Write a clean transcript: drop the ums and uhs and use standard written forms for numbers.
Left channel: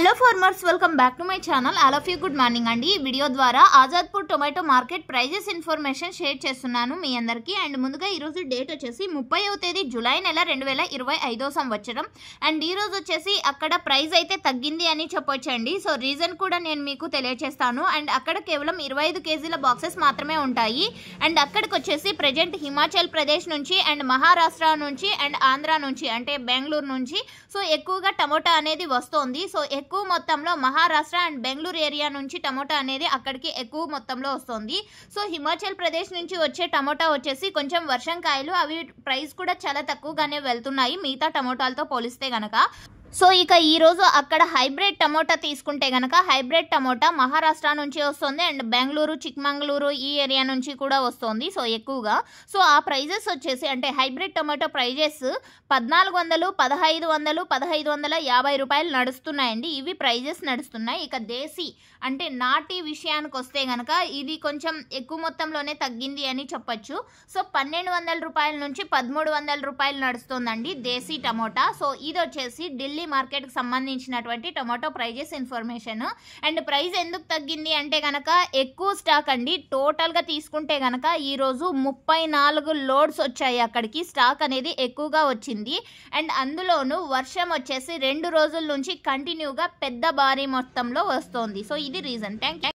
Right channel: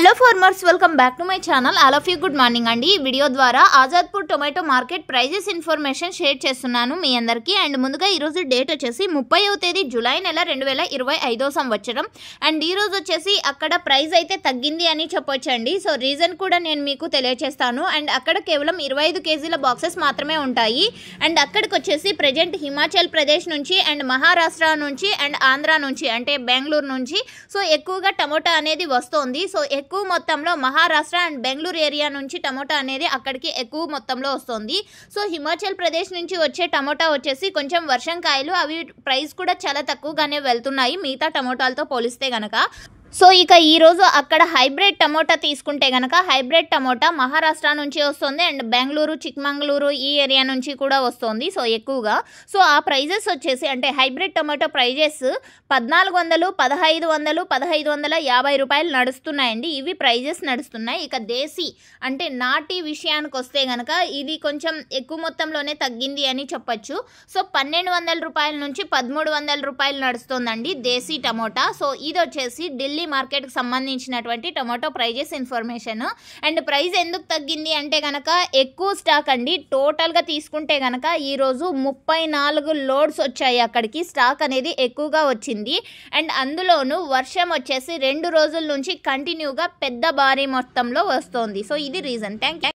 Hello farmers, welcome back to my channel. All of you good morning అండి. ఈ video ద్వారా Azadpur tomato market prices information share చేస్తున్నాను మీ అందరికీ. అండ్ ముందుగా ఈరోజు డేట్ వచ్చేసి 30వ తేదీ జూలై నెల 2025 సంవత్సరం. అండ్ ఈరోజు వచ్చేసి అక్కడ ప్రైస్ అయితే తగ్గింది అని చెప్పొచ్చండి. సో రీజన్ కూడా నేను మీకు తెలియజేస్తాను. అండ్ అక్కడ కేవలం 25 కేజీల బాక్సెస్ మాత్రమే ఉంటాయి. అండ్ అక్కడికి వచ్చేసి ప్రజెంట్ హిమాచల్ ప్రదేశ్ నుంచి అండ్ మహారాష్ట్ర నుంచి అండ్ ఆంధ్ర నుంచి అంటే బెంగళూరు నుంచి సో ఎక్కువగా టమోటా అనేది వస్తుంది. సో ఎక్కువ మొత్తంలో మహారాష్ట్ర అండ్ బెంగళూరు ఏరియా నుంచి టమోటా అనేది అక్కడికి ఎక్కువ మొత్తంలో వస్తుంది. సో హిమాచల్ ప్రదేశ్ నుంచి వచ్చే టమోటా వచ్చేసి కొంచెం వర్షం కాయలు, అవి ప్రైస్ కూడా చాలా తక్కువగానే వెళ్తున్నాయి మిగతా టమోటాలతో పోలిస్తే గనక. సో ఇక ఈరోజు అక్కడ హైబ్రిడ్ టమోటా తీసుకుంటే కనుక హైబ్రిడ్ టమోటా మహారాష్ట్ర నుంచి వస్తుంది అండ్ బెంగళూరు, చిక్మంగళూరు ఈ ఏరియా నుంచి కూడా వస్తుంది. సో ఎక్కువగా సో ఆ ప్రైజెస్ వచ్చేసి అంటే హైబ్రిడ్ టమాటో ప్రైజెస్ 1400, 1500, 1550 రూపాయలు నడుస్తున్నాయండి. ఇవి ప్రైజెస్ నడుస్తున్నాయి. ఇక దేశీ అంటే నాటి విషయానికి వస్తే కనుక ఇది కొంచెం ఎక్కువ మొత్తంలోనే తగ్గింది అని చెప్పచ్చు. సో 1200 రూపాయల నుంచి 1300 రూపాయలు నడుస్తుందండి దేశీ టమోటా. సో ఇది వచ్చేసి ఢిల్లీ మార్కెట్కి సంబంధించినటువంటి tomato prices information. And price ఎందుకు తగ్గింది అంటే కనుక ఎక్కువ స్టాక్ అండి. టోటల్గా తీసుకుంటే కనుక ఈరోజు 34 లోడ్స్ వచ్చాయి అక్కడికి. స్టాక్ అనేది ఎక్కువగా వచ్చింది. అండ్ అందులోనూ వర్షం వచ్చేసి 2 రోజుల నుంచి కంటిన్యూగా పెద్ద భారీ మొత్తంలో వస్తుంది. సో ఇది రీజన్. Thank you.